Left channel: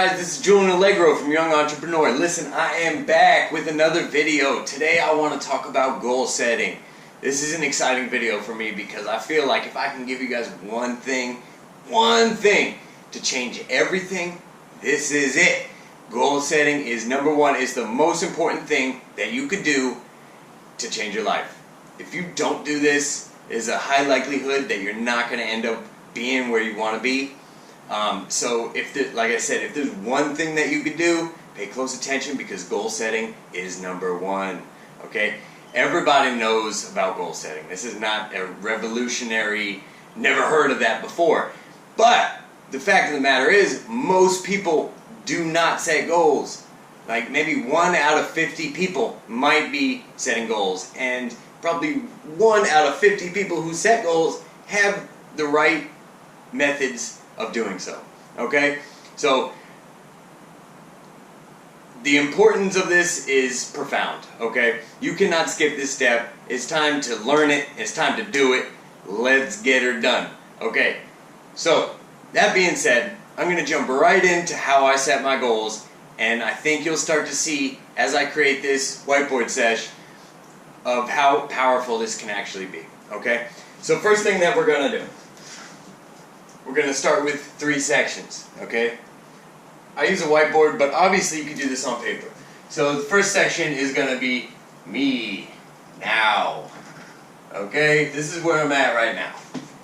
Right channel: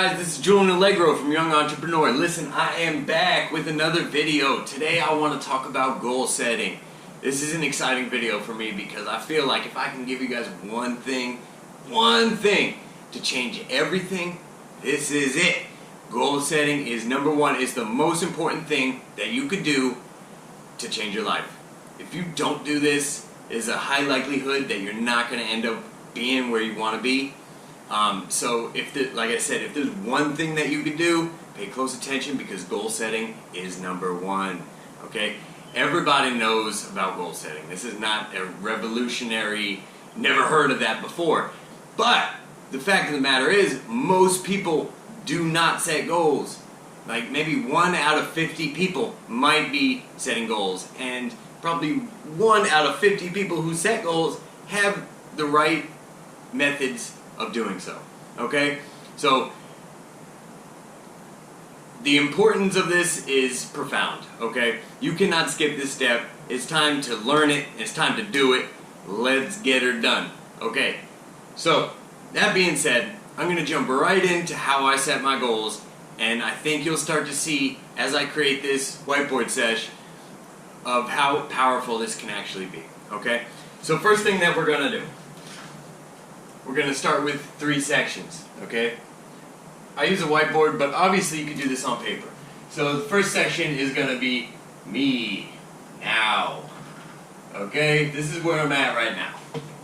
guys, this is Julian Allegro from Young Entrepreneur. Listen, I am back with another video. Today I want to talk about goal setting. This is an exciting video for me because I feel like if I can give you guys one thing to change everything, this is it. Goal setting is number one. It's the most important thing that you could do to change your life. If you don't do this, there's a high likelihood that you're not going to end up being where you want to be. So like I said, if there's one thing that you can do, pay close attention because goal setting is number one. Okay? Everybody knows about goal setting. This is not a revolutionary, never heard of that before. But the fact of the matter is, most people do not set goals. Like maybe 1 out of 50 people might be setting goals, and probably 1 out of 50 people who set goals have the right methods of doing so. Okay? So the importance of this is profound. Okay? You cannot skip this step. It's time to learn it. It's time to do it. Let's get her done. Okay? So that being said, I'm going to jump right into how I set my goals, and I think you'll start to see as I create this whiteboard sesh of how powerful this can actually be. Okay? So first thing that we're going to do, we're going to start with 3 sections, okay? I use a whiteboard, but obviously you could do this on paper. So the first section is going to be me, now, okay? This is where I'm at right now,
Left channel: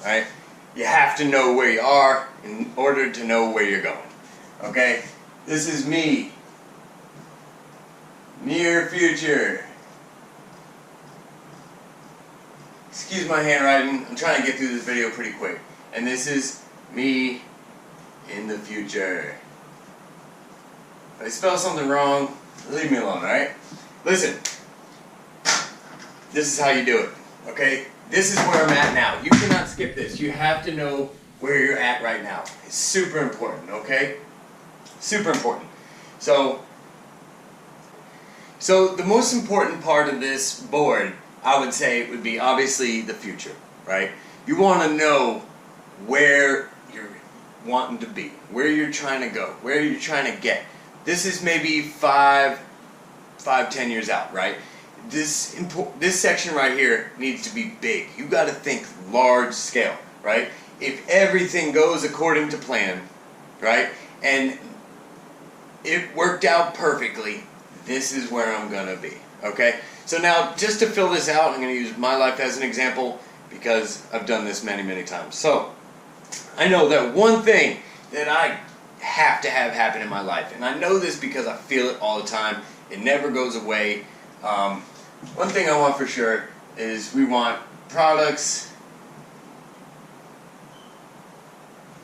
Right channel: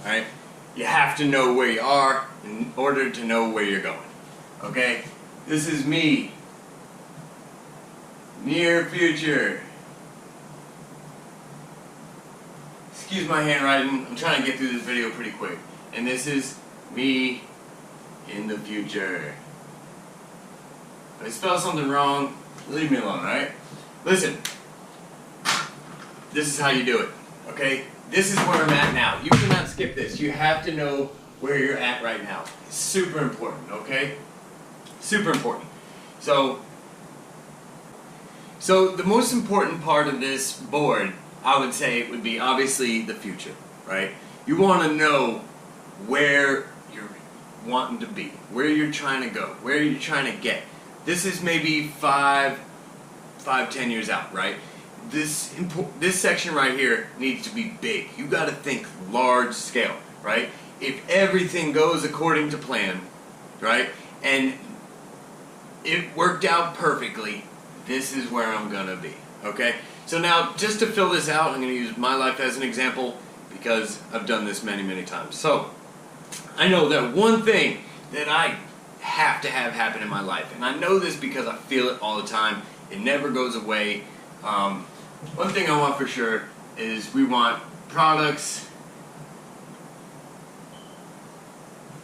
alright? You have to know where you are in order to know where you're going, okay? This is me, near future. Excuse my handwriting, I'm trying to get through this video pretty quick. And this is me in the future. If I spell something wrong, leave me alone, alright? Listen, this is how you do it, okay? This is where I'm at now. You cannot skip this. You have to know where you're at right now. It's super important, okay? Super important. So the most important part of this board, I would say, would be obviously the future, right? You want to know where you're wanting to be, where you're trying to go, where you're trying to get. This is maybe 10 years out, right? This section right here needs to be big. You got to think large scale, right? If everything goes according to plan, right, and it worked out perfectly, this is where I'm going to be, okay? So now, just to fill this out, I'm going to use my life as an example because I've done this many, many times. So I know that one thing that I have to have happen in my life, and I know this because I feel it all the time. It never goes away. One thing I want for sure is we want products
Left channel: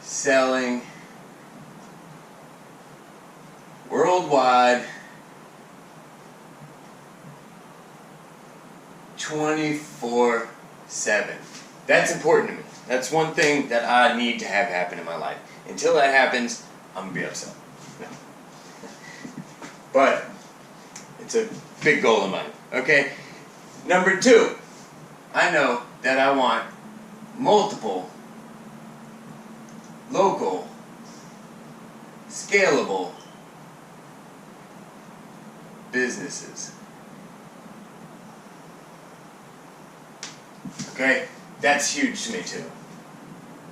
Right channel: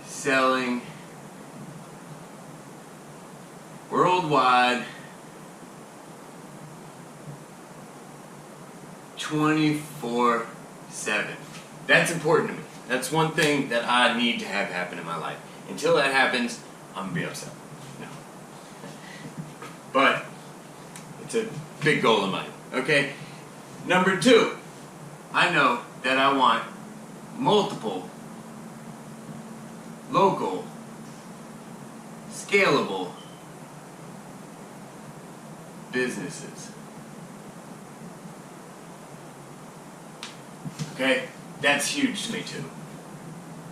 selling worldwide 24/7. That's important to me. That's one thing that I need to have happen in my life. Until that happens, I'm going to be upset. No. But it's a big goal of mine. Okay? Number 2, I know that I want multiple, local, scalable businesses. Okay? That's huge to me too.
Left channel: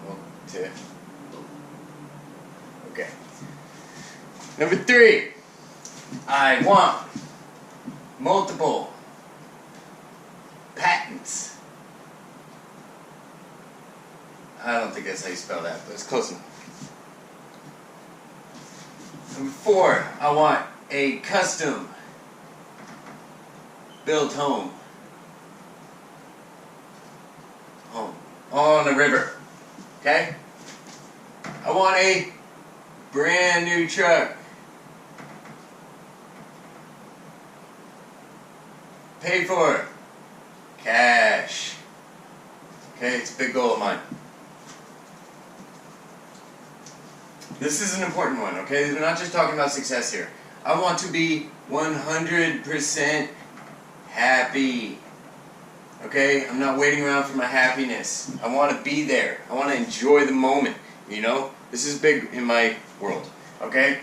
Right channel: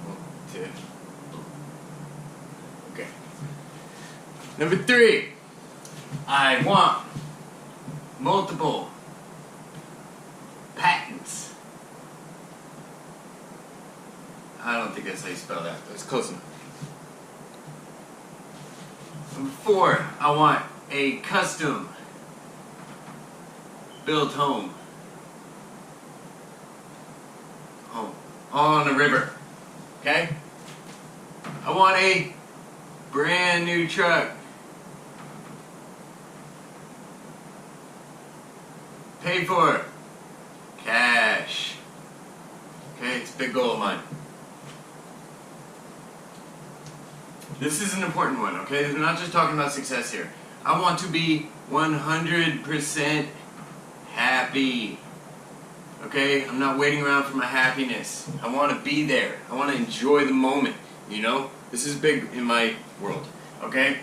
1, 2. Okay. Number 3, I want multiple patents. I don't think that's how you spell that, but it's close enough. Number 4, I want a custom built home. On a river, okay? I want a brand new truck. Paid for. Cash. Okay, it's a big goal of mine. This is an important one, okay? We're not just talking about success here. I want to be 100% happy. Okay? I'm not waiting around for my happiness. I want to be there. I want to enjoy the moment, you know? This is big in my world. Okay?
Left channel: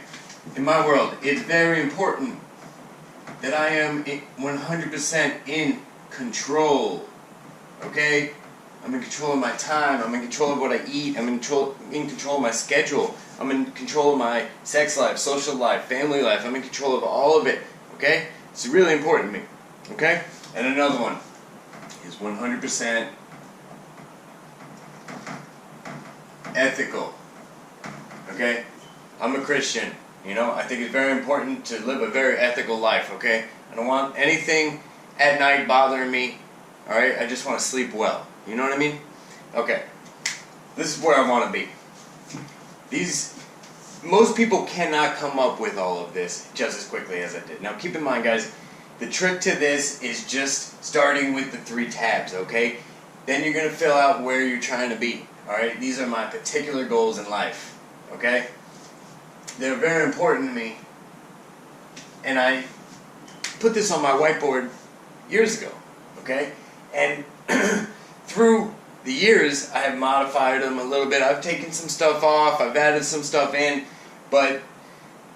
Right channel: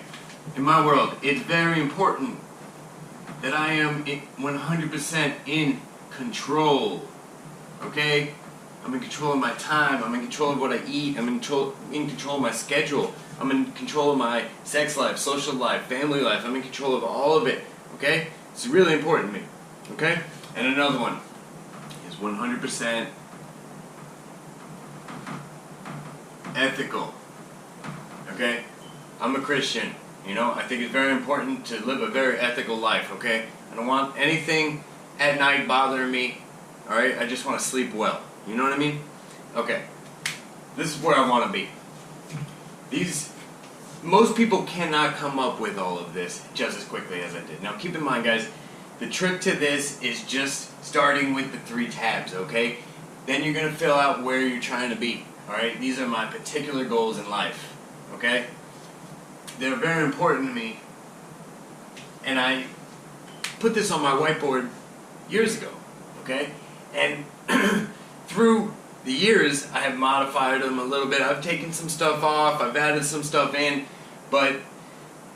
in my world, it's very important that I am 100% in control. Okay? I'm in control of my time. I'm in control of what I eat. I'm in control of my schedule. I'm in control of my sex life, social life, family life. I'm in control of all of it. Okay? It's really important to me. Okay? And another one is 100% ethical. Okay? I'm a Christian. You know, I think it's very important to live a very ethical life. Okay? I don't want anything at night bothering me. Alright? I just want to sleep well. You know what I mean? Okay. This is where I want to be. Most people cannot come up with all of this just as quickly as I did. Now keep in mind, guys, the trick to this is just starting with the 3 tabs, okay? Then you're going to fill out where you're trying to be. Alright? These are my particular goals in life. Okay? They're very important to me. And I put this on my whiteboard years ago. Okay? And through the years, I have modified them a little bit. I've taken some stuff off. I've added some stuff in. But,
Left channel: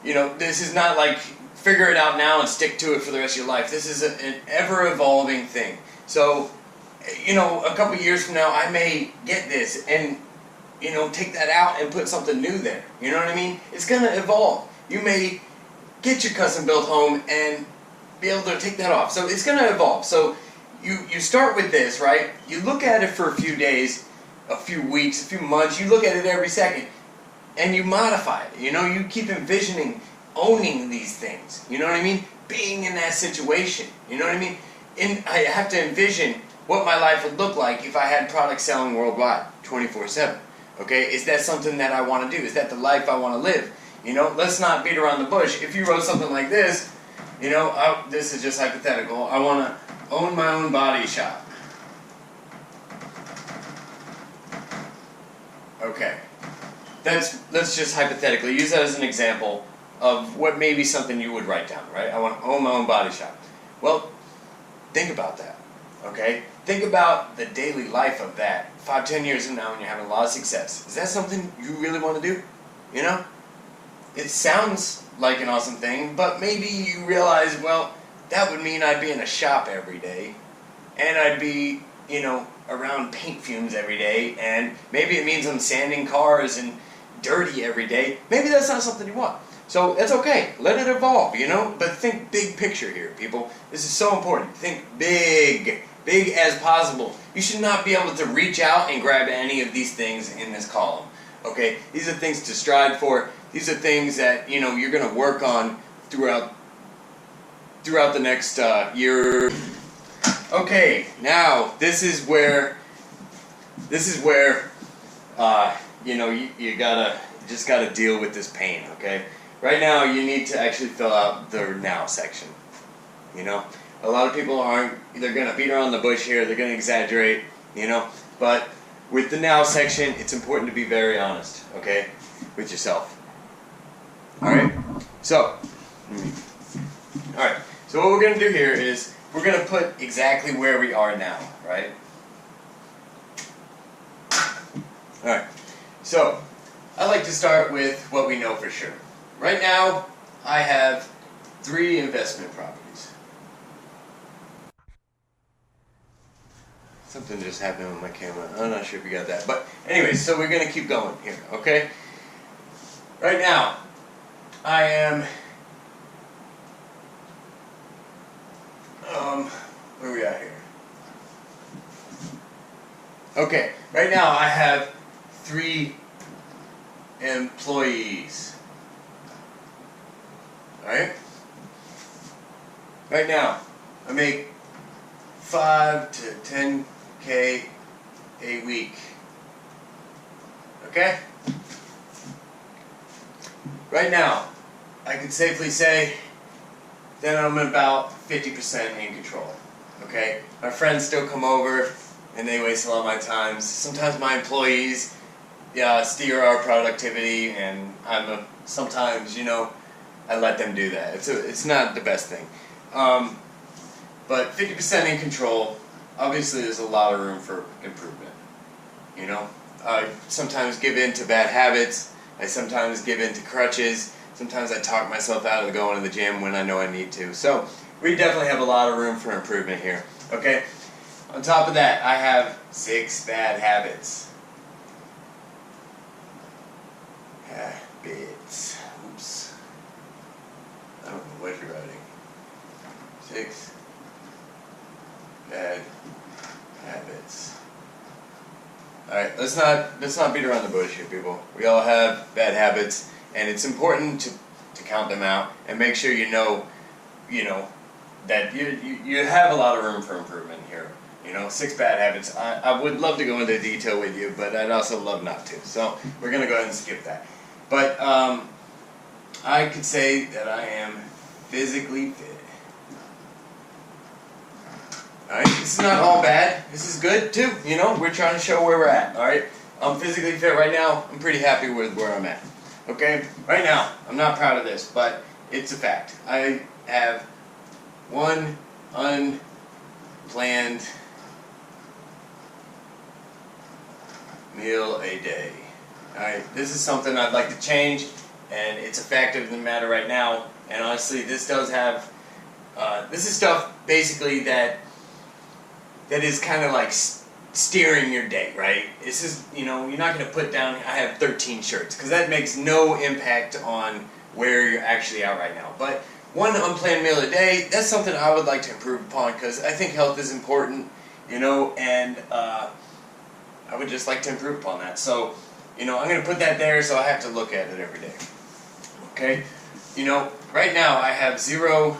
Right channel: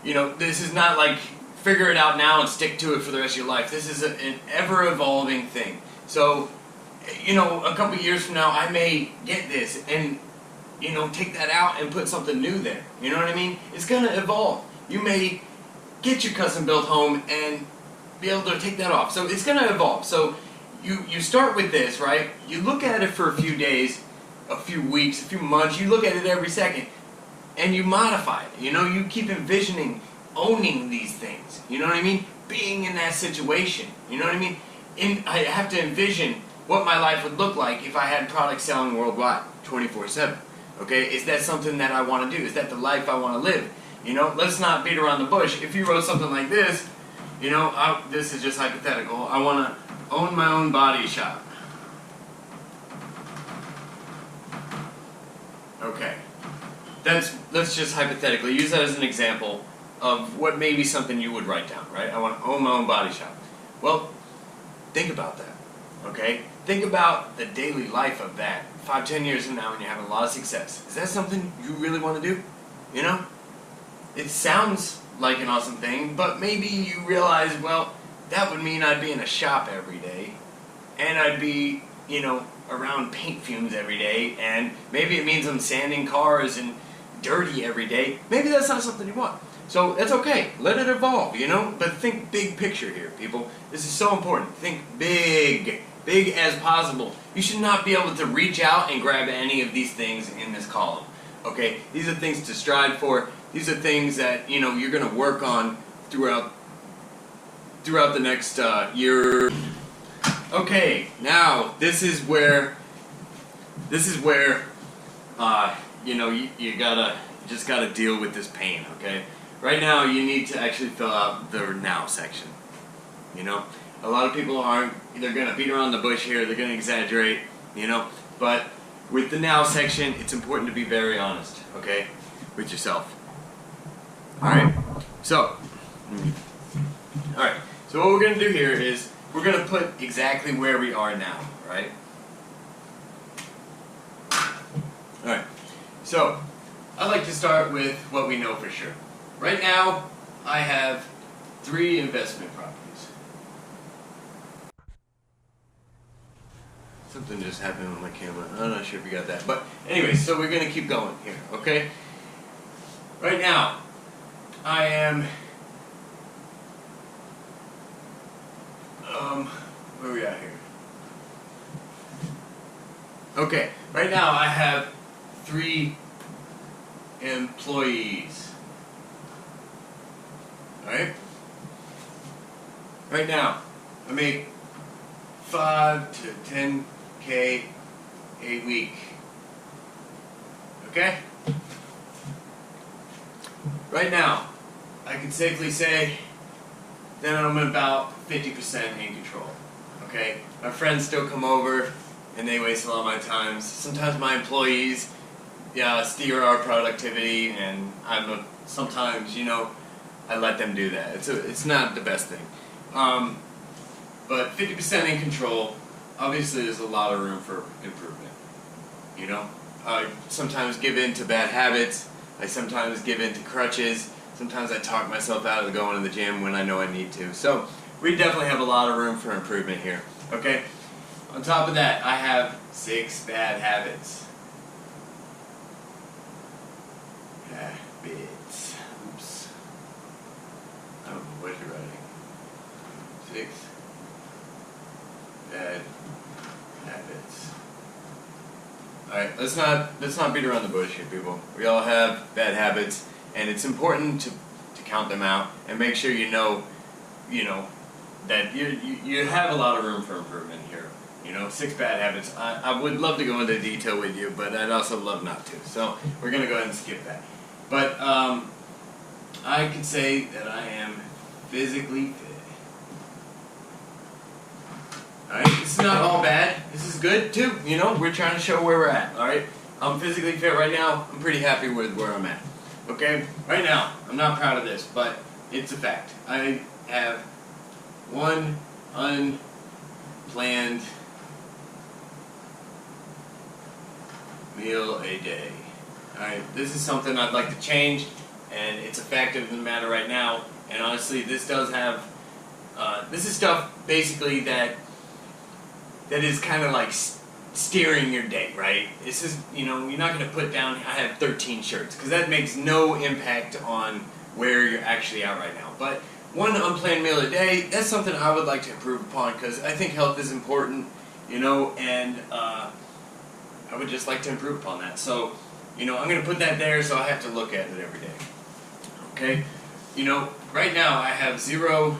you know, this is not like figure it out now and stick to it for the rest of your life. This is an ever-evolving thing. So, you know, a couple years from now, I may get this and, you know, take that out and put something new there. You know what I mean? It's going to evolve. You may get your custom-built home and be able to take that off. So it's going to evolve. So you start with this, right? You look at it for a few days, a few weeks, a few months. You look at it every second. And you modify it. You know, you keep envisioning owning these things. You know what I mean? Being in that situation. You know what I mean? I have to envision what my life would look like if I had products selling worldwide, 24/7. Okay? Is that something that I want to do? Is that the life I want to live? You know, let's not beat around the bush. If you wrote something like this, you know, this is just hypothetical. I want to own my own body shop. Okay. Let's just hypothetically use that as an example of what may be something you would write down, right? I want to own my own body shop. Well, think about that, okay? Think about the daily life of that 5-10 years from now when you're having a lot of success. Is that something you really want to do? You know? It sounds like an awesome thing, but maybe you realize, well, that would mean I'd be in a shop every day, and I'd be, you know, around paint fumes every day, and maybe it means I'm sanding cars and dirty every day. Maybe that's not something you want. So that's okay. Let it evolve, you know? But think big picture here, people. This is so important. Think big. Big as possible. You should not be able to reach out and grab any of these things in this column. Okay? These are things to strive for. These are things that, you know, you're going to work on throughout the next year. Okay, now this is where you know, you just gotta deal with this pain, okay? Right now, you need to actually fill out the now section. You know, a lot of people they're gonna beat around the bush here, they're gonna exaggerate, you know, but with the now section, it's important to be very honest, okay, with yourself. Alright, so what we're gonna do here is we're gonna put exactly where we are now, right? Alright, so I like to start with what we know for sure. Right now, I have 3 investment properties. Something just happened with my camera. I'm not sure if you got that. But anyway, so we're going to keep going here, okay? Right now, I am... where are we at here? Okay, right now I have 3 employees. Alright? Right now, I make 5 to 10K a week. Okay? Right now, I can safely say that I'm about 50% in control. Okay? My friends still come over and they waste a lot of my time. Sometimes my employees steer our productivity, and sometimes, you know, I let them do that. It's not the best thing. But 50% in control, obviously there's a lot of room for improvement. You know? I sometimes give in to bad habits. I sometimes give in to crutches. Sometimes I talk myself out of going to the gym when I know I need to. So we definitely have a lot of room for improvement here. Okay. On top of that, I have 6 bad habits. Habits. Oops. I don't know what you're writing. 6 bad habits. Alright, let's not beat around the bush here, people. We all have bad habits, and it's important to count them out and make sure you know that you have a lot of room for improvement here. 6 bad habits. I would love to go into detail with you, but I'd also love not to. So we're going to go ahead and skip that. But I could say that I am physically fit. Alright, this is not all bad. This is good too. We're trying to show where we're at. Alright, I'm physically fit right now. I'm pretty happy with where I'm at. Okay, right now, I'm not proud of this, but it's a fact. I have 1 unplanned meal a day. Alright, this is something I'd like to change, and it's a fact of the matter right now. And honestly, this does have, this is stuff basically that is kind of like steering your day, right? This is, you're not going to put down, I have 13 shirts, because that makes no impact on where you're actually at right now. But 1 unplanned meal a day, that's something I would like to improve upon, because I think health is important, and I would just like to improve upon that. So, I'm going to put that there, so I have to look at it every day. Okay? Right now I have 0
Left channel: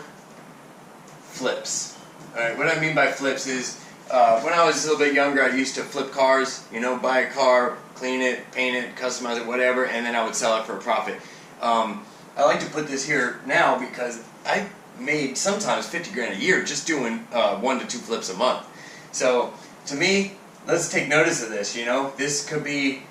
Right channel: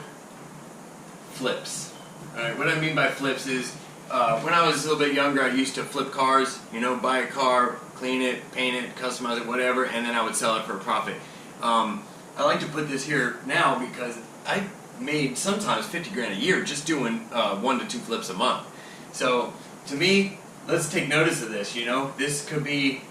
flips. Alright, what I mean by flips is, when I was a little bit younger, I used to flip cars, buy a car, clean it, paint it, customize it, whatever, and then I would sell it for a profit. I like to put this here now because I made sometimes 50 grand a year just doing 1 to 2 flips a month. So, to me, let's take notice of this, This could be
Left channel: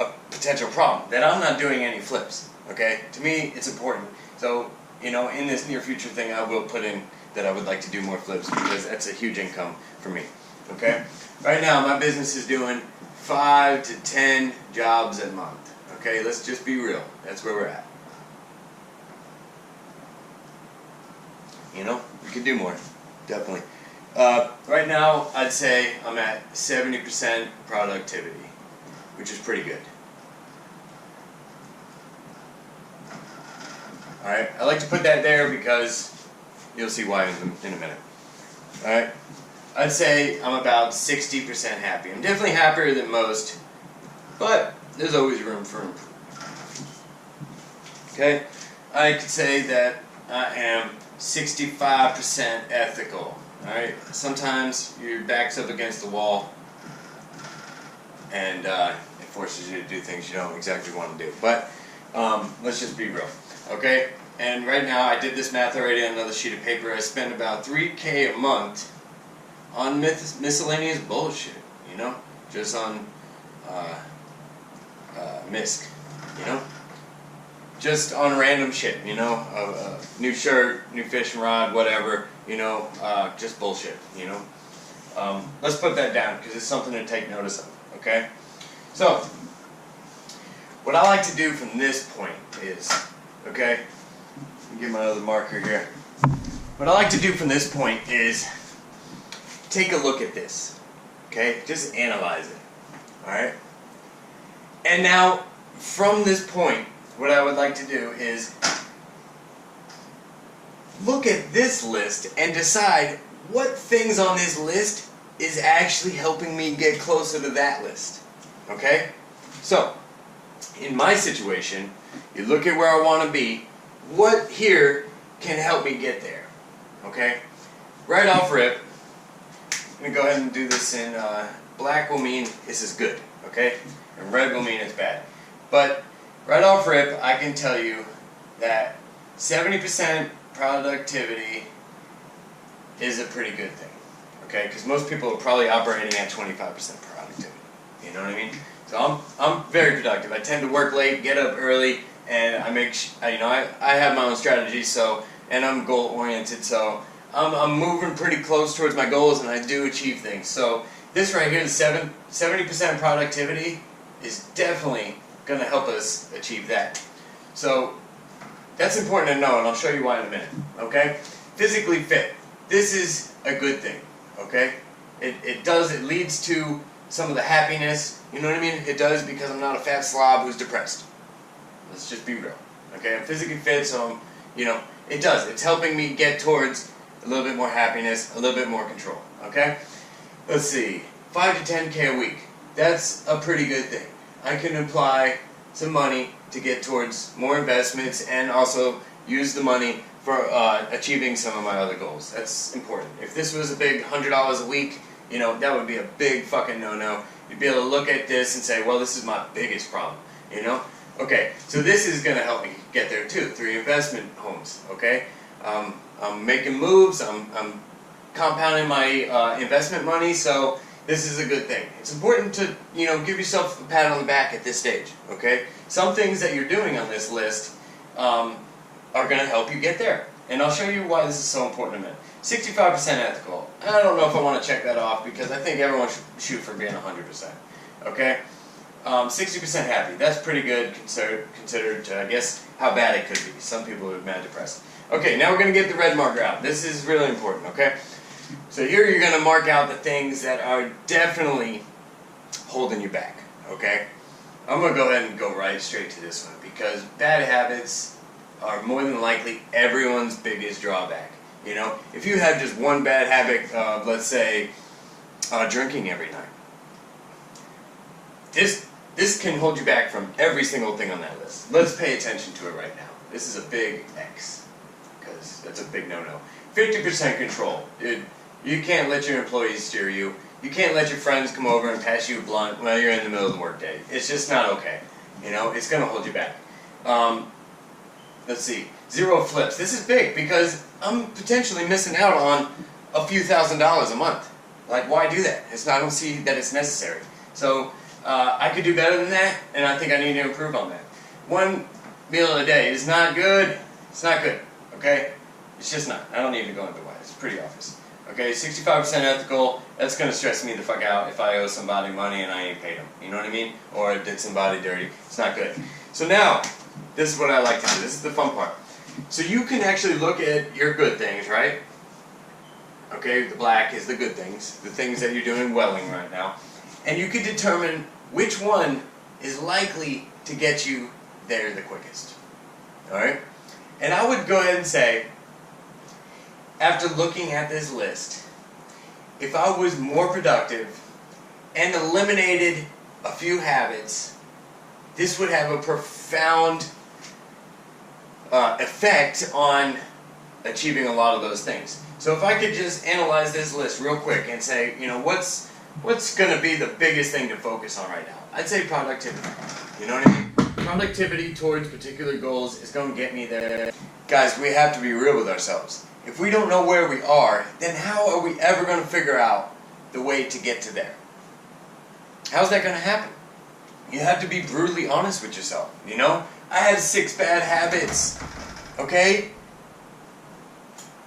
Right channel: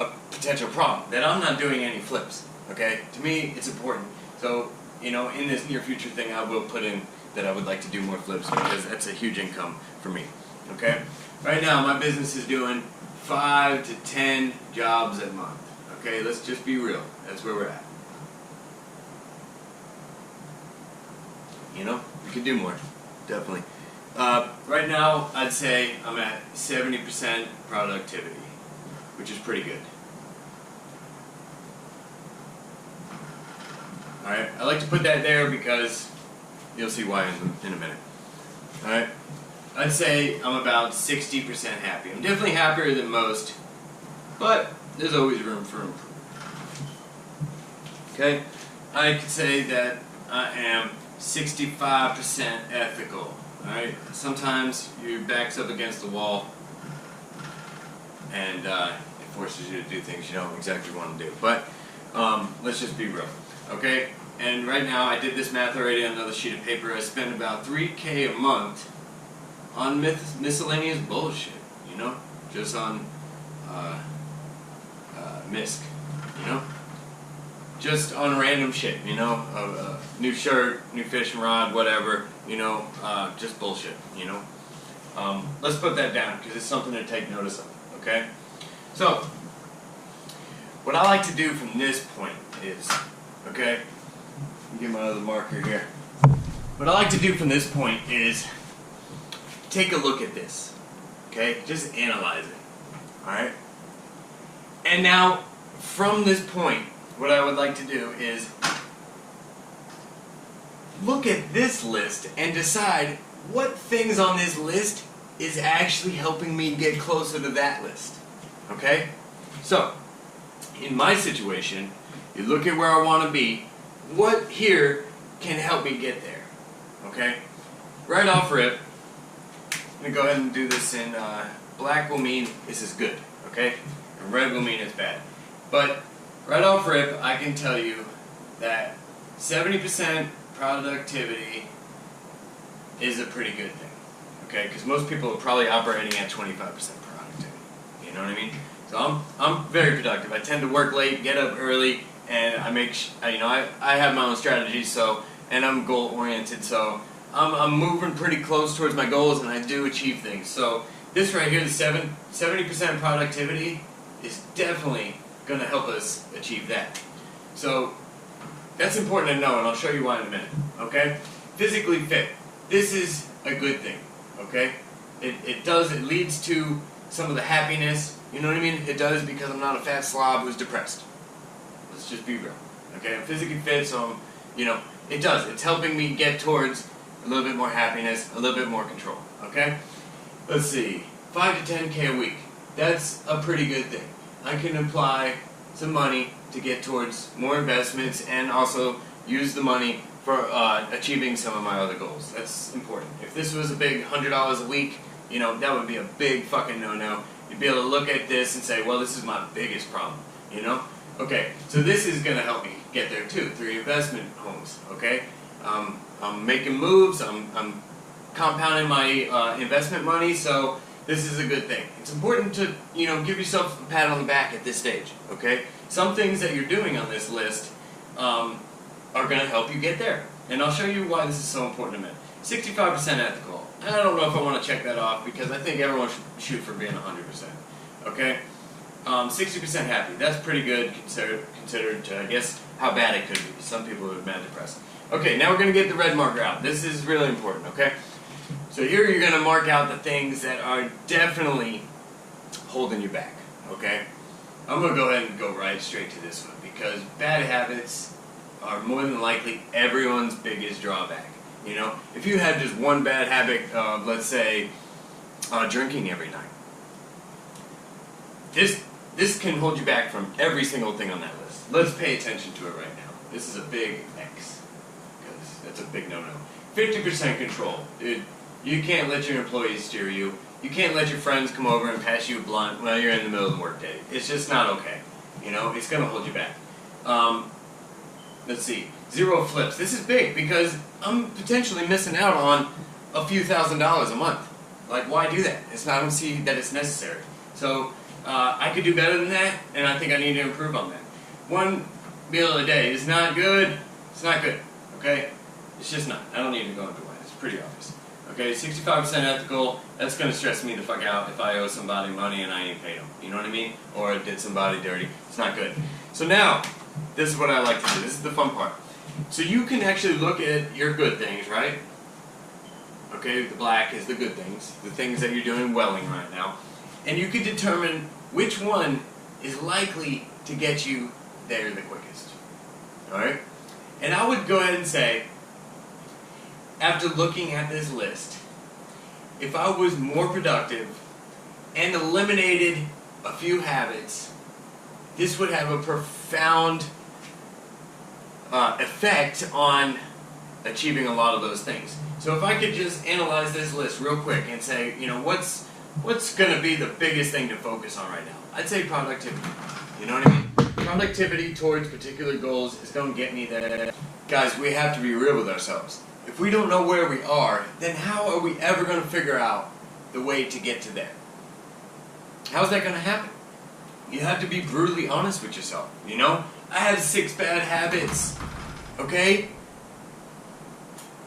a potential problem, that I'm not doing any flips, okay? To me, it's important. So, in this near future thing, I will put in that I would like to do more flips because that's a huge income for me, okay? Right now, my business is doing 5 to 10 jobs a month, okay? Let's just be real. That's where we're at. We could do more, definitely. Right now, I'd say I'm at 70% productivity, which is pretty good. Alright, I like to put that there because you'll see why in a minute. Alright, I'd say I'm about 60% happy. I'm definitely happier than most, but there's always room for improvement. Okay, I could say that I am 65% ethical. Alright, sometimes your back's up against the wall and it forces you to do things you don't exactly want to do. But let's just be real. Okay, and right now I did this math already on another sheet of paper. I spend about $3K a month on miscellaneous bullshit, just on misc, just on random shit, new shirt, new fishing rod, whatever, just bullshit, Let's put that down because it's something to take notice of, okay? So, what I like to do from this point is, okay, let me get my other marker here. What I like to do from this point is take a look at this, okay? Just analyze it, alright? And now, from this point, what I would like to do is look at this list and decide what things on this list is actually helping me get closer to that list, okay? So, in my situation, you look at where I want to be, what here can help me get there, okay? Right off rip, I'm going to go ahead and do this in black will mean this is good, okay? And red will mean it's bad. But right off rip, I can tell you that 70% productivity is a pretty good thing, okay? Because most people are probably operating at 25% productivity, you know what I mean? So I'm very productive. I tend to work late, get up early, and I make I have my own strategy. So, and I'm goal oriented. So I'm moving pretty close towards my goals, and I do achieve things. So this right here, the 70% productivity, is definitely going to help us achieve that. So That's important to know, and I'll show you why in a minute, okay? Physically fit. This is a good thing, okay? It leads to some of the happiness, you know what I mean? It does, because I'm not a fat slob who's depressed. Let's just be real, okay? I'm physically fit, so it does. It's helping me get towards a little bit more happiness, a little bit more control, okay? Let's see, 5 to 10K a week. That's a pretty good thing. I can apply some money to get towards more investments and also use the money for achieving some of my other goals. That's important. If this was a big $100 a week, that would be a big fucking no-no. You'd be able to look at this and say, well, this is my biggest problem, Okay, so this is going to help me get there too, through investment homes, okay? I'm making moves, I'm compounding my investment money, so this is a good thing. It's important to, give yourself a pat on the back at this stage, okay? Some things that you're doing on this list are going to help you get there. And I'll show you why this is so important in a minute. 65% ethical. I don't know if I want to check that off because I think everyone should shoot for being 100%, okay? 60% happy. That's pretty good considered I guess, how bad it could be. Some people are mad depressed. Okay, now we're going to get the red marker out. This is really important, okay? So here you're going to mark out the things that are definitely holding you back, okay? I'm going to go ahead and go right straight to this one because bad habits are more than likely everyone's biggest drawback. If you have just one bad habit of, let's say, drinking every night, this can hold you back from every single thing on that list. Let's pay attention to it right now. This is a big X because that's a big no-no. 50% control. Dude, you can't let your employees steer you. You can't let your friends come over and pass you a blunt while you're in the middle of the workday. It's just not okay. It's going to hold you back. Let's see. 0 flips. This is big because I'm potentially missing out on a few $1,000s a month. Like, why do that? I don't see that it's necessary. So, I could do better than that, and I think I need to improve on that. One meal a day is not good. It's not good, okay? It's just not. I don't need to go into why. It's pretty obvious. Okay, 65% ethical, that's going to stress me the fuck out if I owe somebody money and I ain't paid them. You know what I mean? Or I did somebody dirty. It's not good. So now, this is what I like to do. This is the fun part. So you can actually look at your good things, right? Okay, the black is the good things. The things that you're doing well in right now. And you can determine which one is likely to get you there the quickest. Alright? And I would go ahead and say, after looking at this list, if I was more productive and eliminated a few habits, this would have a profound effect on achieving a lot of those things. So if I could just analyze this list real quick and say, what's going to be the biggest thing to focus on right now? I'd say productivity. You know what I mean? Productivity towards particular goals is going to get me there. Guys, we have to be real with ourselves. If we don't know where we are, then how are we ever going to figure out the way to get to there? How's that going to happen? You have to be brutally honest with yourself, I had 6 bad habits, okay?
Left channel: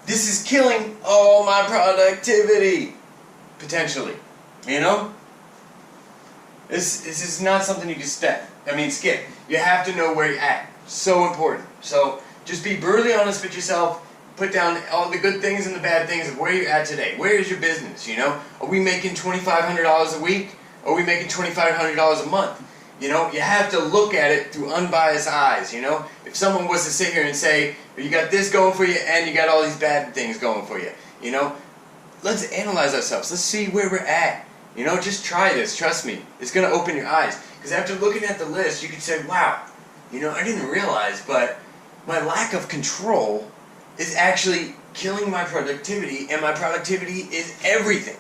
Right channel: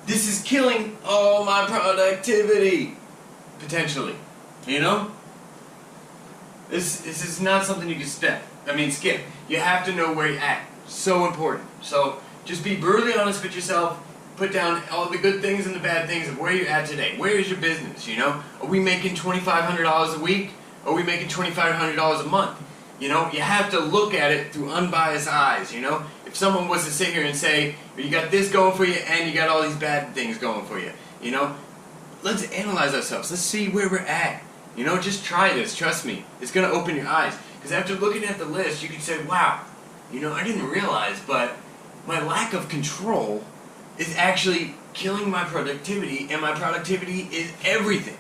This is killing all my productivity, potentially, This is not something you can skip. You have to know where you're at. So important. So just be brutally honest with yourself. Put down all the good things and the bad things of where you're at today. Where is your business, Are we making $2,500 a week? Are we making $2,500 a month? You have to look at it through unbiased eyes, If someone was to sit here and say, you got this going for you and you got all these bad things going for you, let's analyze ourselves. Let's see where we're at. Just try this. Trust me. It's going to open your eyes. Because after looking at the list, you could say, wow, I didn't realize, but my lack of control is actually killing my productivity, and my productivity is everything.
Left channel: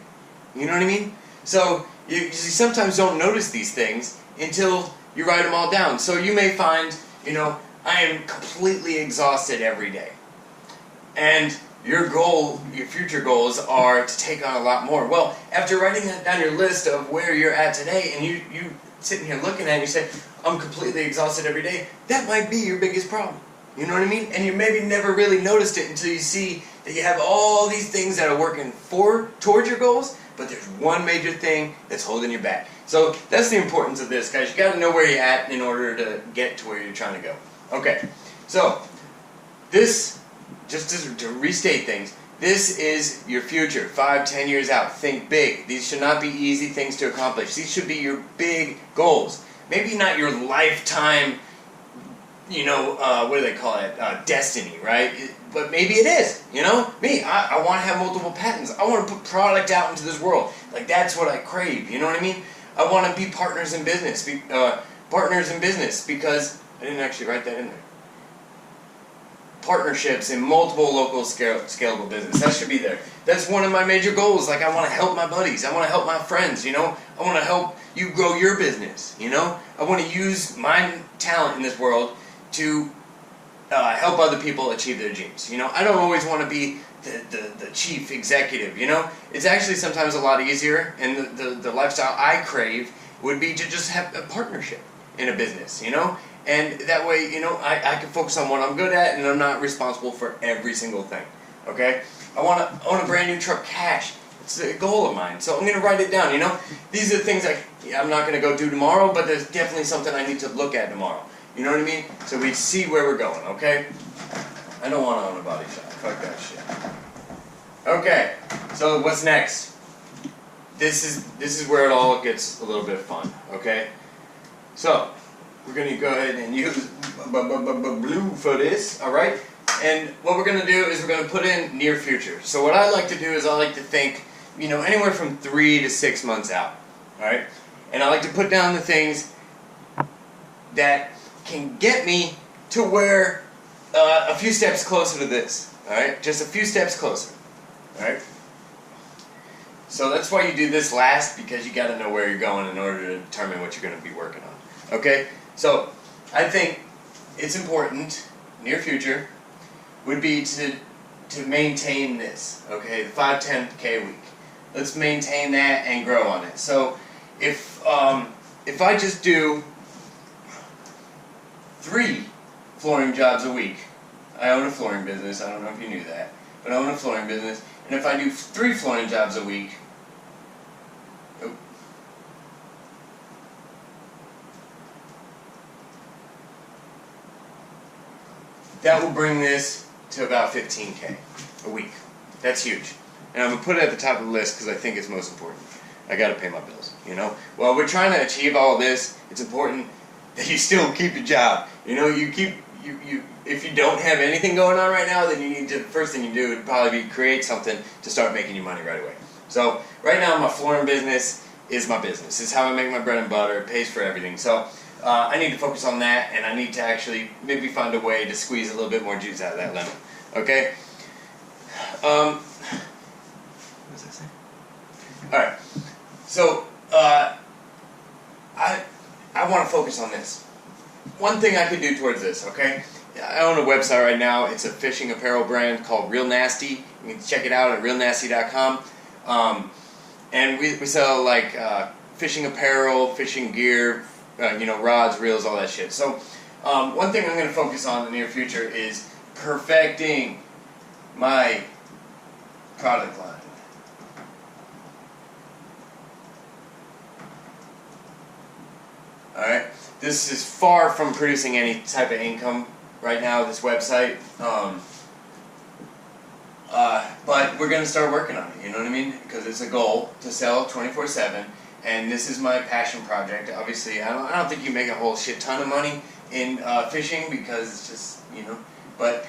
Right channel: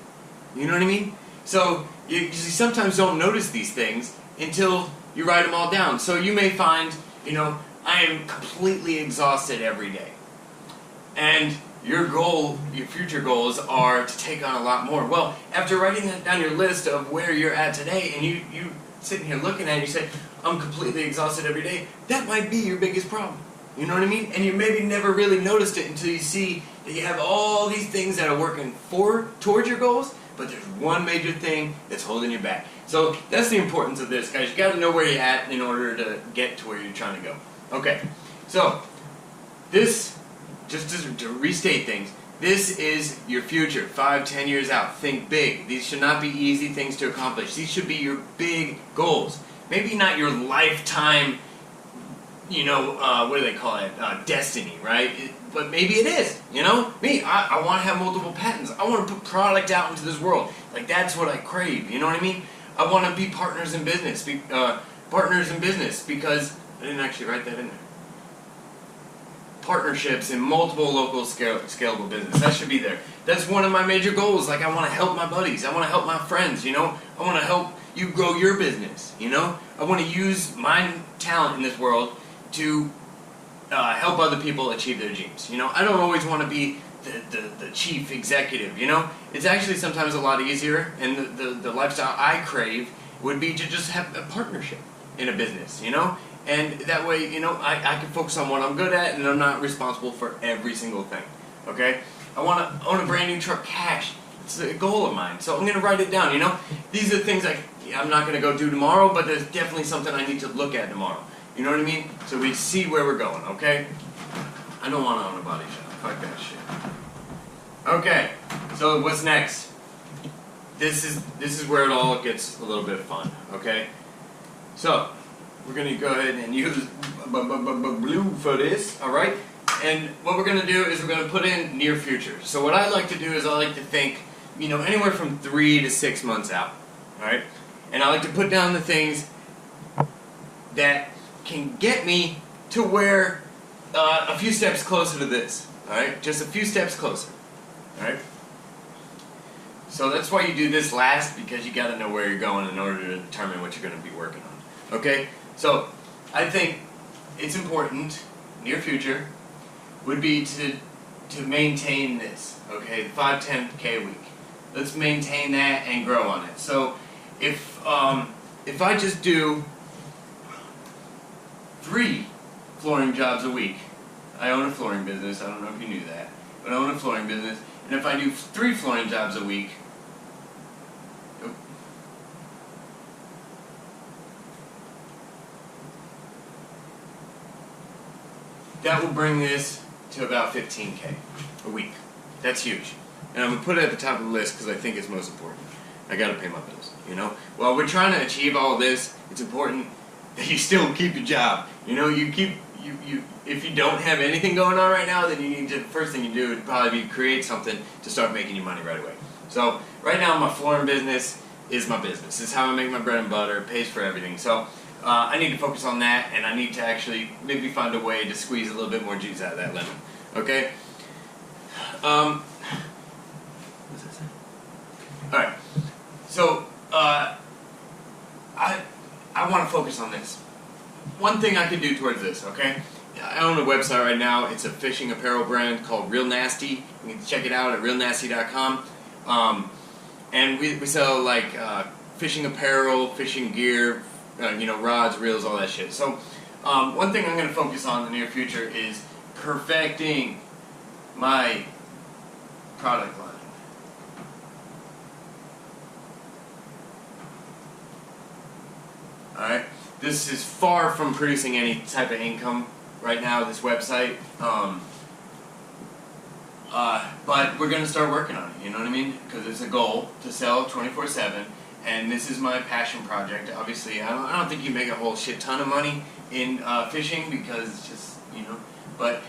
You know what I mean? So, you sometimes don't notice these things until you write them all down. So you may find, I am completely exhausted every day. And your future goals are to take on a lot more. Well, after writing that down your list of where you're at today, and you sitting here looking at it, you say, I'm completely exhausted every day, that might be your biggest problem. You know what I mean? And you maybe never really noticed it until you see that you have all these things that are working towards your goals, but there's one major thing that's holding you back. So that's the importance of this, guys. You got to know where you're at in order to get to where you're trying to go. Okay, so this, just to restate things, this is your future, 5, 10 years out. Think big. These should not be easy things to accomplish. These should be your big goals. Maybe not your lifetime, what do they call it, destiny, right? But maybe it is, Me, I want to have multiple patents. I want to put product out into this world. Like, that's what I crave, you know what I mean? I want to be partners in business, because, I didn't actually write that in there. Partnerships in multiple local scalable business. That should be there. That's one of my major goals. Like, I want to help my buddies. I want to help my friends, I want to help you grow your business, I want to use my talent in this world to help other people achieve their dreams. I don't always want to be the chief executive, It's actually sometimes a lot easier, and the lifestyle I crave would be to just have a partnership in a business, And that way, I can focus on what I'm good at, and I'm not responsible for every single thing, okay? I want to own a brand new truck cash. It's a goal of mine, so I'm going to write it down, These are things I'm not going to go do tomorrow, but there's definitely something I need to look at tomorrow. You know what I mean? So we see where we're going, okay? I don't want to own a body shop. Fuck that shit. Okay, so what's next? This is where it all gets a little bit fun, okay? So, we're going to go ahead and use blue for this, alright? And what we're going to do is we're going to put in near future. So what I like to do is I like to think, anywhere from 3 to 6 months out, alright? And I like to put down the things that can get me to where a few steps closer to this, alright? Just a few steps closer, alright? So that's why you do this last, because you got to know where you're going in order to determine what you're going to be working on, okay? So I think it's important, near future, would be to maintain this, okay? The 5-10K a week. Let's maintain that and grow on it. So if I just do 3 flooring jobs a week, I own a flooring business, I don't know if you knew that, but I own a flooring business, and if I do 3 flooring jobs a week, that will bring this to about 15K a week. That's huge. And I'm going to put it at the top of the list because I think it's most important. I got to pay my bills, While we're trying to achieve all of this, it's important that you still keep your job. If you don't have anything going on right now, then you need to, first thing you do would probably be create something to start making you money right away. So right now my flooring business is my business. It's how I make my bread and butter. It pays for everything. So I need to focus on that, and I need to actually maybe find a way to squeeze a little bit more juice out of that lemon. Okay? What does that say? Alright. So, I want to focus on this. One thing I could do towards this, okay? I own a website right now. It's a fishing apparel brand called Real Nasty. You can check it out at realnasty.com. And we sell like fishing apparel, fishing gear, rods, reels, all that shit. So one thing I'm going to focus on in the near future is perfecting my product line. Alright, this is far from producing any type of income right now, this website, but we're going to start working on it, you know what I mean? Because it's a goal to sell 24/7, and this is my passion project. Obviously, I don't think you make a whole shit ton of money in fishing, because it's just, but,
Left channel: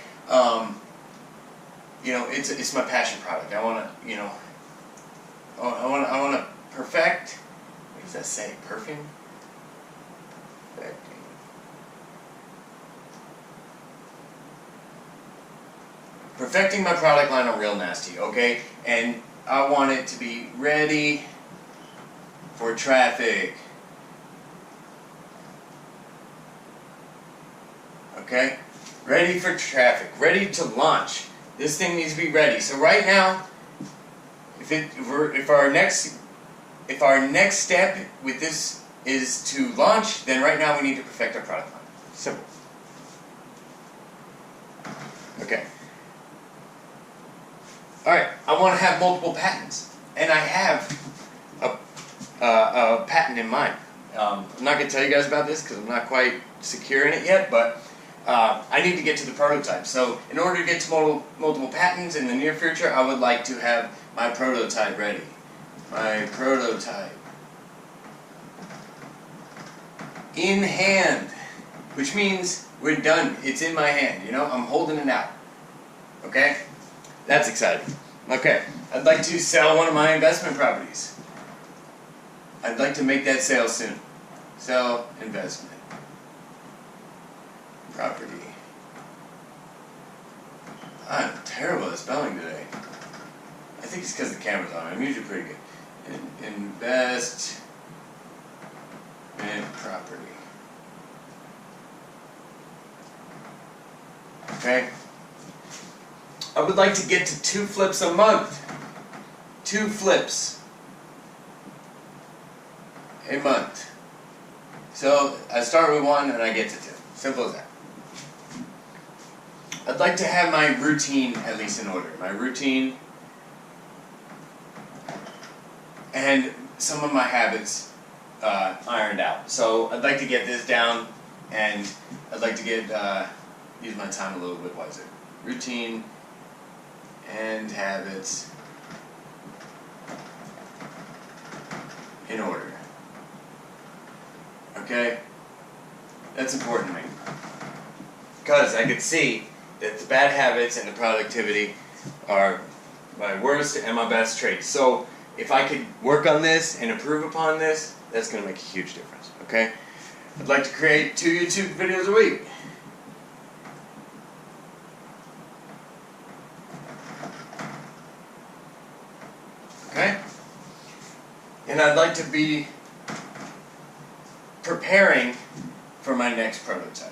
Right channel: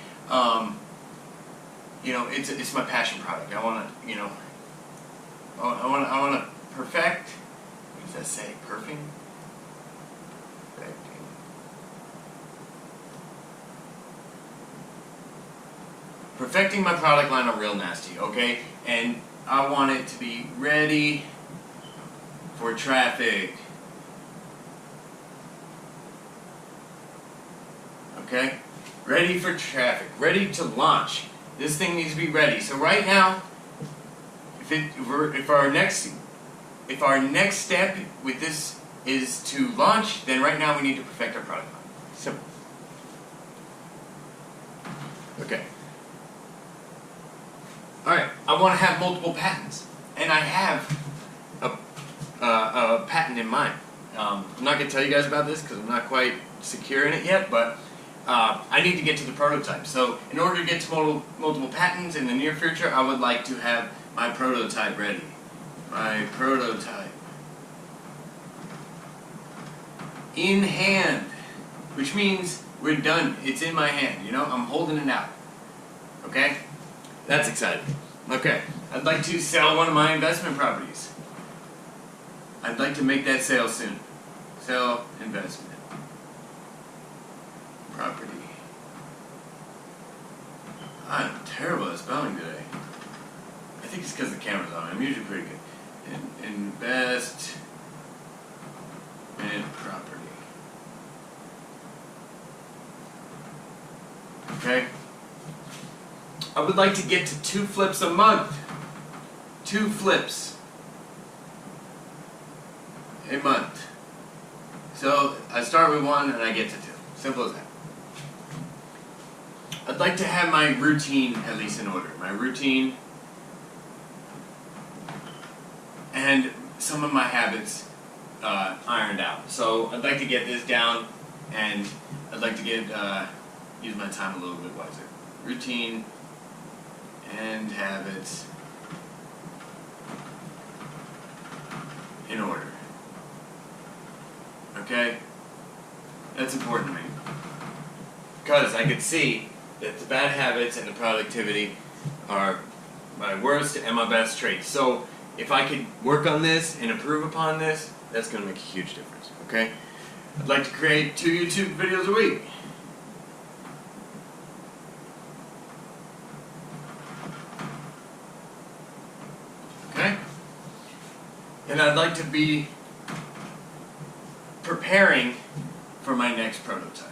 it's my passion product. I want to, I want to perfect, what does that say, perfing? Perfecting my product line on Real Nasty, okay? And I want it to be ready for traffic. Okay? Ready for traffic. Ready to launch. This thing needs to be ready. So right now, if our next step with this is to launch, then right now we need to perfect our product line. Simple. Okay. Alright, I want to have multiple patents, and I have a patent in mind. I'm not going to tell you guys about this because I'm not quite secure in it yet, but I need to get to the prototype. So in order to get to multiple patents in the near future, I would like to have my prototype ready. My prototype in hand, which means we're done. It's in my hand, you know, I'm holding it out. Okay? That's exciting. Okay, I'd like to sell one of my investment properties. I'd like to make that sale soon. Sell investment property. I'm terrible at spelling today. I think it's because the camera's on. I'm usually pretty good. Investment property. Okay. I would like to get to 2 flips a month. 2 flips a month. So I start with 1 and I get to 2. Simple as that. I'd like to have my routine at least in order. My routine and some of my habits ironed out. So I'd like to get this down, and I'd like to get use my time a little bit wiser. Routine and habits in order. Okay? That's important to me. Because I could see that the bad habits and the productivity are my worst and my best traits. So if I could work on this and improve upon this, that's going to make a huge difference. Okay? I'd like to create 2 YouTube videos a week. Okay? And I'd like to be preparing for my next prototype.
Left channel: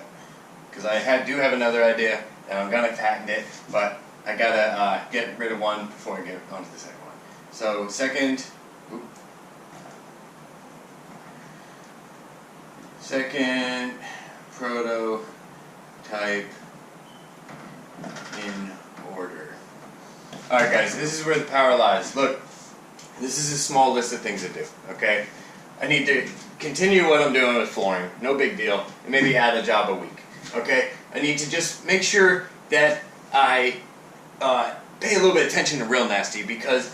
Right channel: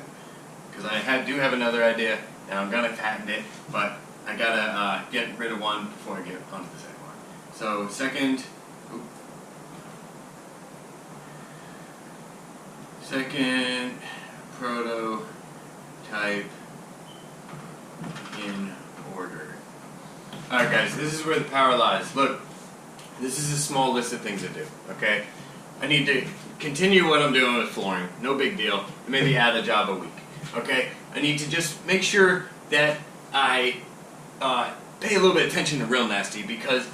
Because I do have another idea, and I'm going to patent it, but I got to get rid of one before I get onto the second one. So second prototype in order. Alright guys, this is where the power lies. Look, this is a small list of things to do, okay? I need to continue what I'm doing with flooring, no big deal, and maybe add a job a week, okay? I need to just make sure that I pay a little bit of attention to Real Nasty because,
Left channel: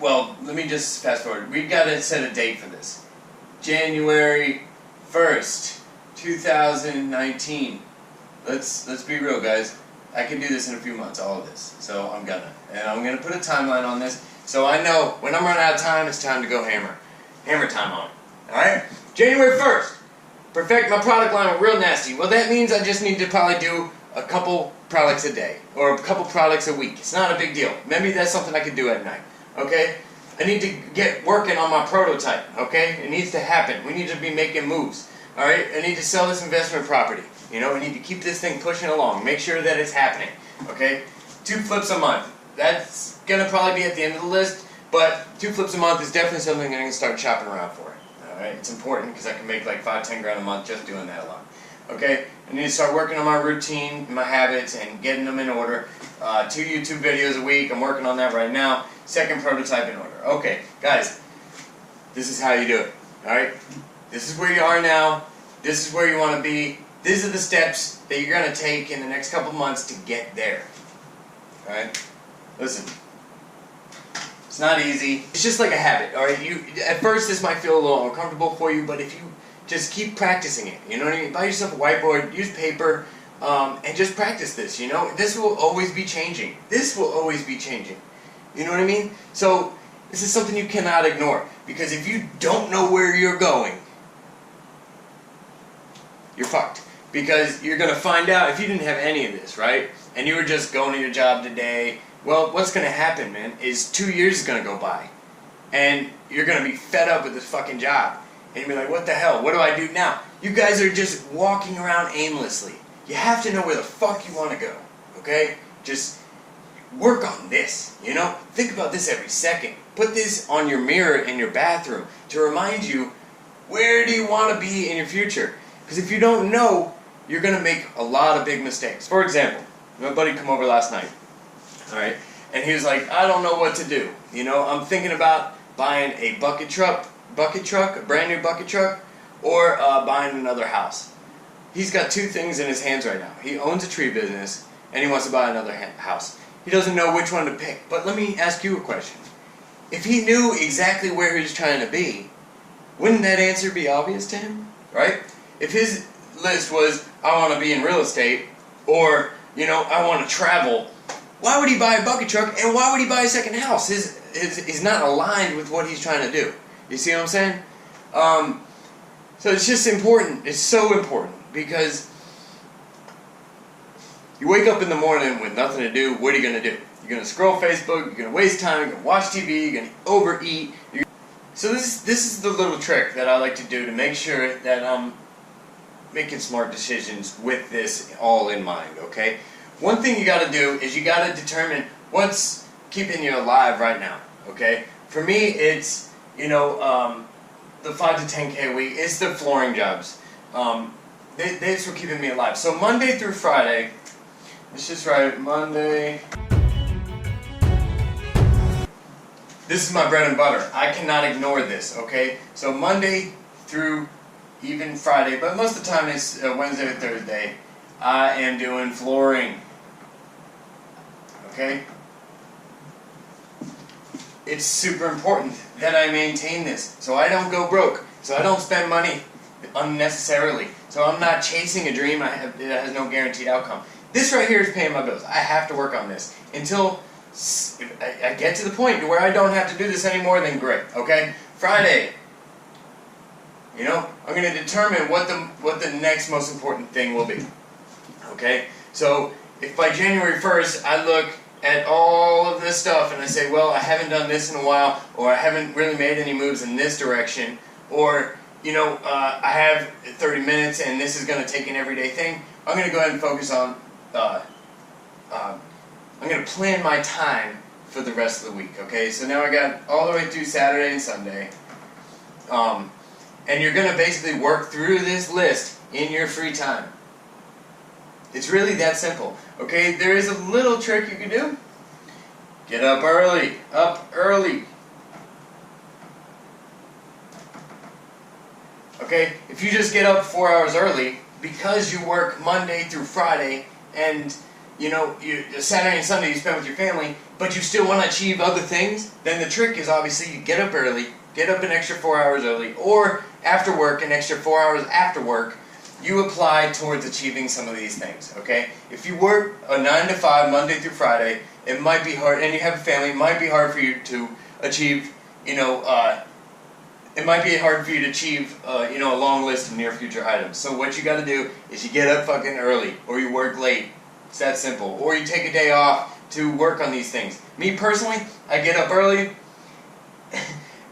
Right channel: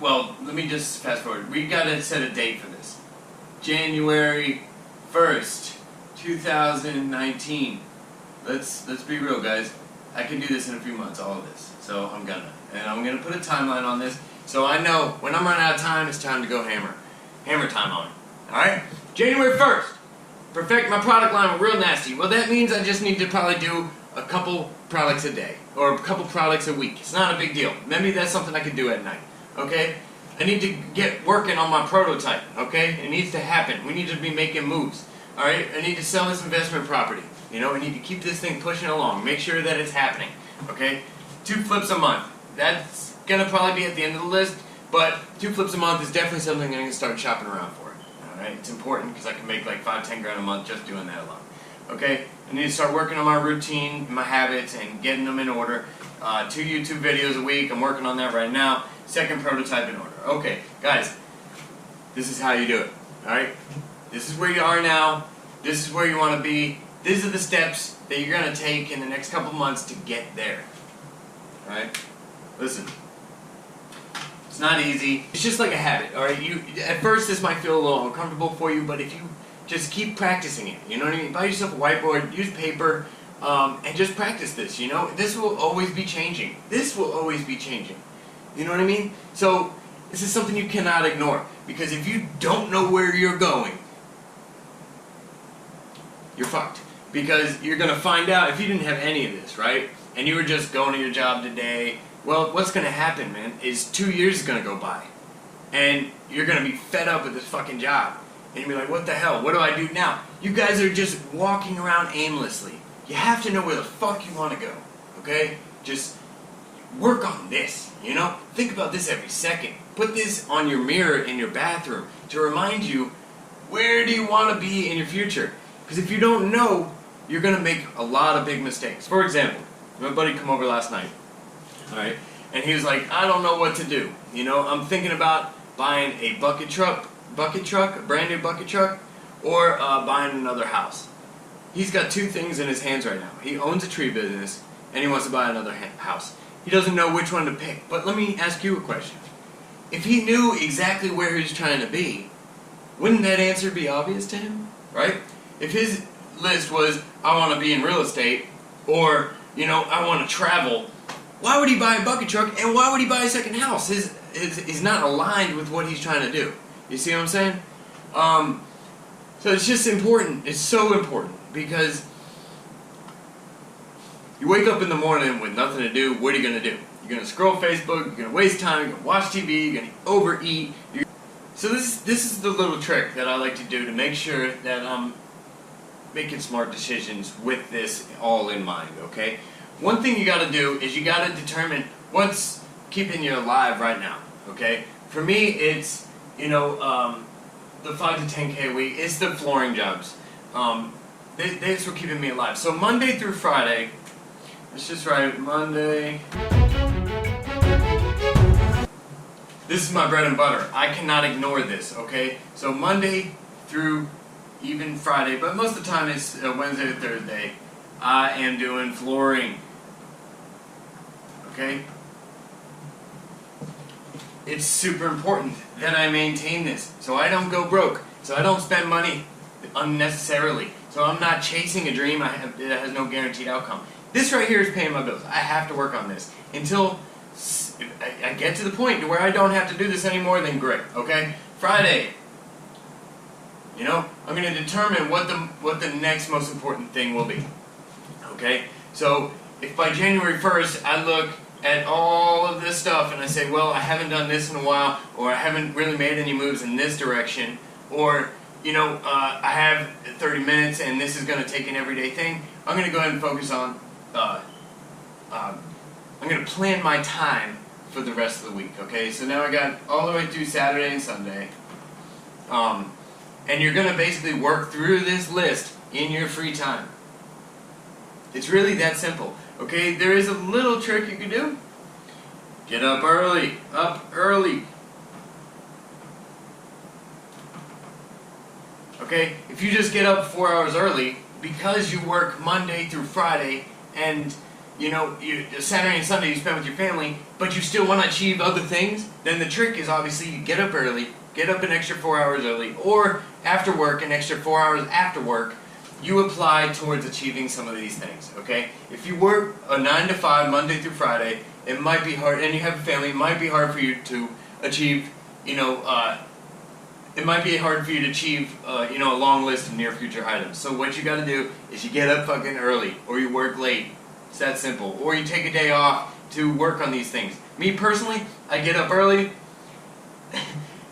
well, let me just fast forward. We got to set a date for this. January 1st, 2019. Let's be real, guys. I can do this in a few months, all of this. So I'm gonna. And I'm gonna put a timeline on this so I know when I'm running out of time, it's time to go hammer. Hammer time on it. Alright? January 1st. Perfect my product line with Real Nasty. Well, that means I just need to probably do a couple products a day or a couple products a week. It's not a big deal. Maybe that's something I could do at night. Okay? I need to get working on my prototype. Okay? It needs to happen. We need to be making moves. Alright? I need to sell this investment property. You know, I need to keep this thing pushing along. Make sure that it's happening. Okay? 2 flips a month. That's going to probably be at the end of the list, but 2 flips a month is definitely something I'm going to start shopping around for. Alright? It's important because I can make like 5-10 grand a month just doing that alone. Okay? I need to start working on my routine, my habits, and getting them in order. 2 YouTube videos a week. I'm working on that right now. Second prototype in order. Okay, guys, this is how you do it. Alright? This is where you are now. This is where you want to be. These are the steps that you're going to take in the next couple months to get there. Alright? Listen. It's not easy. It's just like a habit. Alright? At first this might feel a little uncomfortable for you, but if you just keep practicing it, you know what I mean? Buy yourself a whiteboard, use paper, and just practice this, you know? This will always be changing. This will always be changing. You know what I mean? So, this is something you cannot ignore. Because if you don't know where you're going, you're fucked. Because you're going to find out, if you didn't have any of this, right? And you were just going to your job today, well, what's going to happen, man, is 2 years is going to go by. And you're going to be fed up with this fucking job. And you'll be like, what the hell? What do I do now? You guys are just walking around aimlessly. You have to know where the fuck you want to go. Okay? Just work on this, you know? Think about this every second. Put this on your mirror in your bathroom to remind you, where do you want to be in your future? Because if you don't know, you're going to make a lot of big mistakes. For example, my buddy come over last night, alright? And he was like, I don't know what to do. You know, I'm thinking about buying a bucket truck, a brand new bucket truck, or buying another house. he's got two things in his hands right now. He owns a tree business, and he wants to buy another house. He doesn't know which one to pick. But let me ask you a question. If he knew exactly where he was trying to be, wouldn't that answer be obvious to him? Right? If his list was, I want to be in real estate, or, I want to travel, why would he buy a bucket truck, and why would he buy a second house? He's not aligned with what he's trying to do. You see what I'm saying? So it's just important. It's so important, because you wake up in the morning with nothing to do. What are you going to do? You're going to scroll Facebook, you're going to waste time, you're going to watch TV, you're going to overeat. So this is the little trick that I like to do to make sure that I'm making smart decisions with this all in mind, okay? One thing you got to do is you got to determine what's keeping you alive right now, okay? For me, it's, the 5 to 10K a week. It's the flooring jobs. That's what keeping me alive. So Monday through Friday, let's just write Monday. This is my bread and butter. I cannot ignore this, okay? So Monday through even Friday, but most of the time it's Wednesday or Thursday, I am doing flooring, okay? It's super important that I maintain this, so I don't go broke, so I don't spend money unnecessarily, so I'm not chasing a dream that has no guaranteed outcome. This right here is paying my bills. I have to work on this until I get to the point where I don't have to do this anymore. Then great, okay? Friday, I'm going to determine what the next most important thing will be, okay? So if by January 1st I look at all of this stuff and I say, well, I haven't done this in a while, or I haven't really made any moves in this direction, or I have 30 minutes and this is going to take an everyday thing, I'm going to go ahead and focus on I'm going to plan my time for the rest of the week, okay? So now I got all the way through Saturday and Sunday. And you're going to basically work through this list in your free time. It's really that simple, okay? There is a little trick you can do. Get up early. Up early. Okay? If you just get up 4 hours early, because you work Monday through Friday, and Saturday and Sunday you spend with your family, but you still want to achieve other things, then the trick is obviously you get up early, get up an extra 4 hours early, or after work, an extra 4 hours after work, you apply towards achieving some of these things, okay? If you work a 9 to 5, Monday through Friday, it might be hard, and you have a family, it might be hard for you to achieve, it might be hard for you to achieve, a long list of near future items. So what you got to do is you get up fucking early, or you work late. It's that simple. Or you take a day off to work on these things. Me personally, I get up early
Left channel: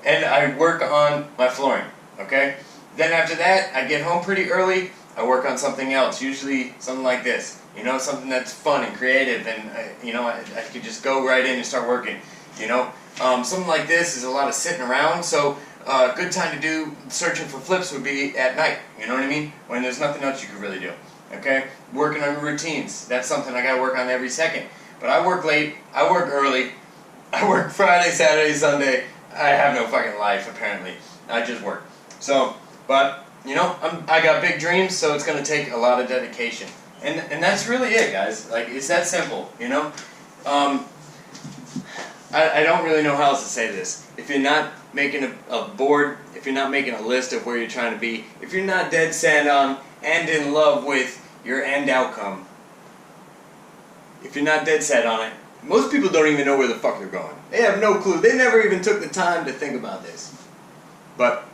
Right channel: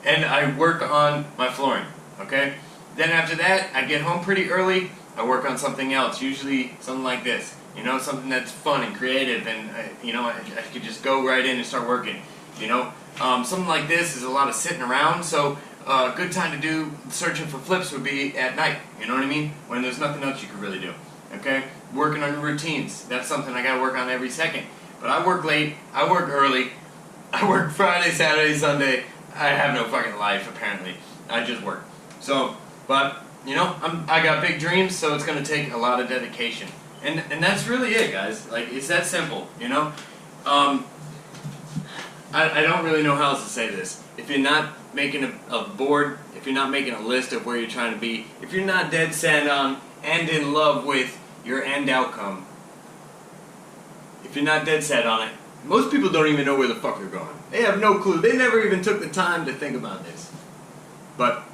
and I work on my flooring, okay? Then after that, I get home pretty early, I work on something else, usually something like this. Something that's fun and creative, and I could just go right in and start working. Something like this is a lot of sitting around, so a good time to do searching for flips would be at night, you know what I mean? When there's nothing else you could really do. Okay? Working on routines. That's something I gotta work on every second. But I work late, I work early, I work Friday, Saturday, Sunday. I have no fucking life, apparently. I just work. So, but, I got big dreams, so it's gonna take a lot of dedication. And that's really it, guys. Like, it's that simple, I don't really know how else to say this. If you're not making a board, if you're not making a list of where you're trying to be, if you're not dead set on and in love with your end outcome, if you're not dead set on it, most people don't even know where the fuck they're going. They have no clue. They never even took the time to think about this. But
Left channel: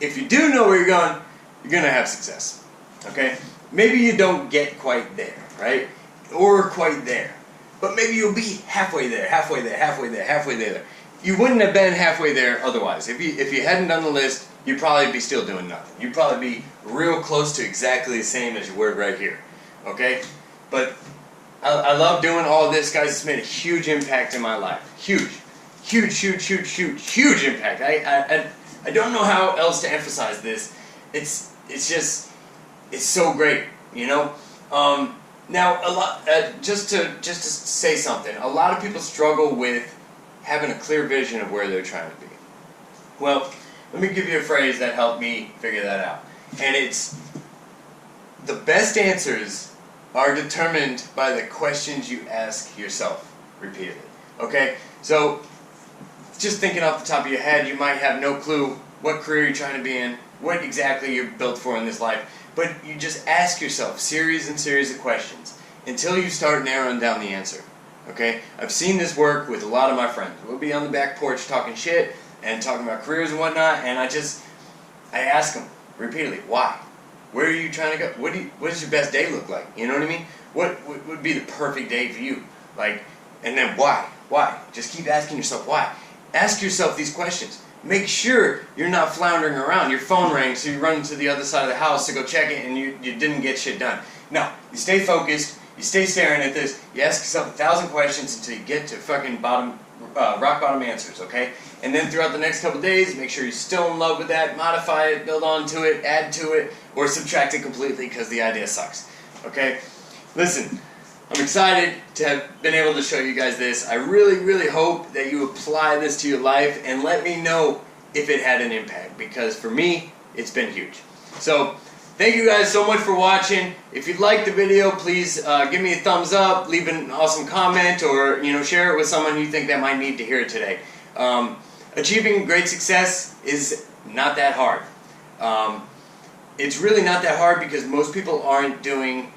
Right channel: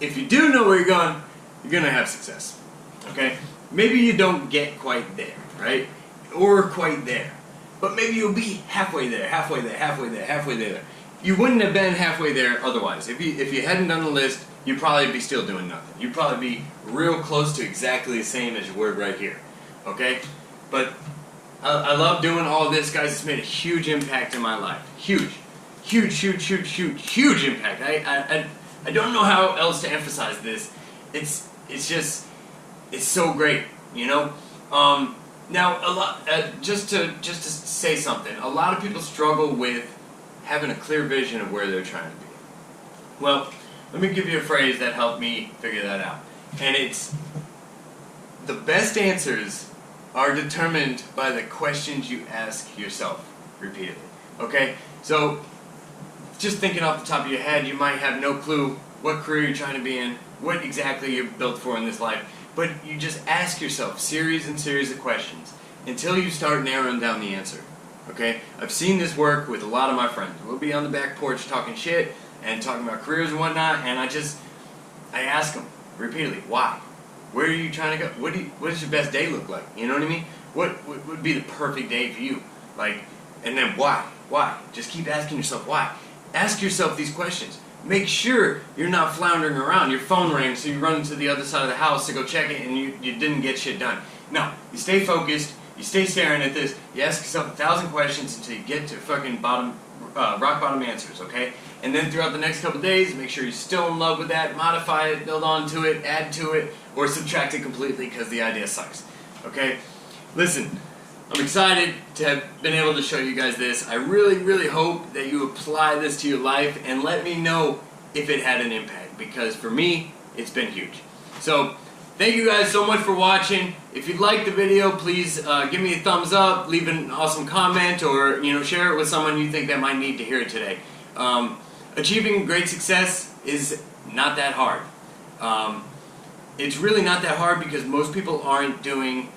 if you do know where you're going to have success. Okay? Maybe you don't get quite there, right? Or quite there. But maybe you'll be halfway there, halfway there, halfway there, halfway there. You wouldn't have been halfway there otherwise. If you hadn't done the list, you'd probably be still doing nothing. You'd probably be real close to exactly the same as you were right here. Okay? But I love doing all of this, guys. It's made a huge impact in my life. Huge. Huge, huge, huge, huge, huge impact. I don't know how else to emphasize this. It's so great, Now, just to say something, a lot of people struggle with having a clear vision of where they're trying to be. Well, let me give you a phrase that helped me figure that out. And it's, the best answers are determined by the questions you ask yourself repeatedly. Okay? So, just thinking off the top of your head, you might have no clue what career you're trying to be in, what exactly you're built for in this life, but you just ask yourself series and series of questions until you start narrowing down the answer. Okay? I've seen this work with a lot of my friends. We'll be on the back porch talking shit and talking about careers and whatnot, and I ask them repeatedly, why? Where are you trying to go? What does your best day look like? You know what I mean? What would be the perfect day for you? Like, and then why? Why? Just keep asking yourself why. Ask yourself these questions. Make sure you're not floundering around. Your phone rang, so you run to the other side of the house to go check it, and you didn't get shit done. No, you stay focused. You stay staring at this. You ask yourself 1,000 questions until you get to fucking rock bottom answers, okay? And then throughout the next couple days, make sure you're still in love with that. Modify it, build on to it, add to it, or subtract it completely because the idea sucks, okay? Listen, I'm excited to have been able to show you guys this. I really, really hope that you apply this to your life and let me know if it had an impact, because for me, it's been huge. So, thank you guys so much for watching. If you liked the video, please give me a thumbs up, leave an awesome comment, or share it with someone you think that might need to hear it today. Achieving great success is not that hard. It's really not that hard because most people aren't doing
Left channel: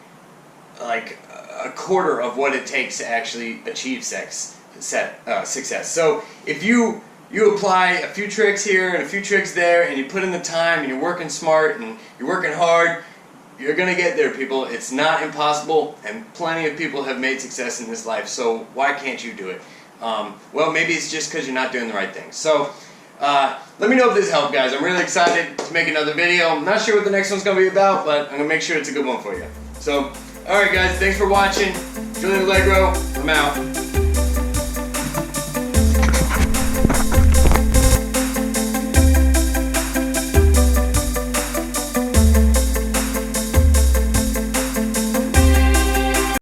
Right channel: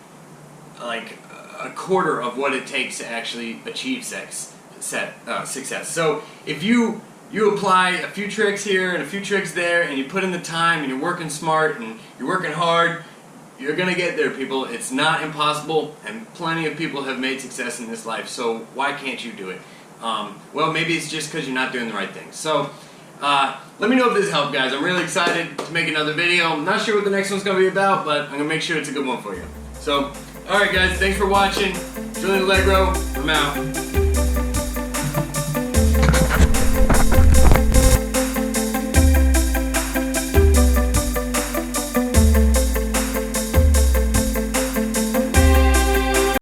like a quarter of what it takes to actually achieve success. So if you apply a few tricks here and a few tricks there, and you put in the time, and you're working smart, and you're working hard, you're going to get there, people. It's not impossible, and plenty of people have made success in this life, so why can't you do it? Well, maybe it's just because you're not doing the right thing. So, let me know if this helped, guys. I'm really excited to make another video. I'm not sure what the next one's going to be about, but I'm going to make sure it's a good one for you. So, alright guys, thanks for watching. Julian Allegro, I'm out.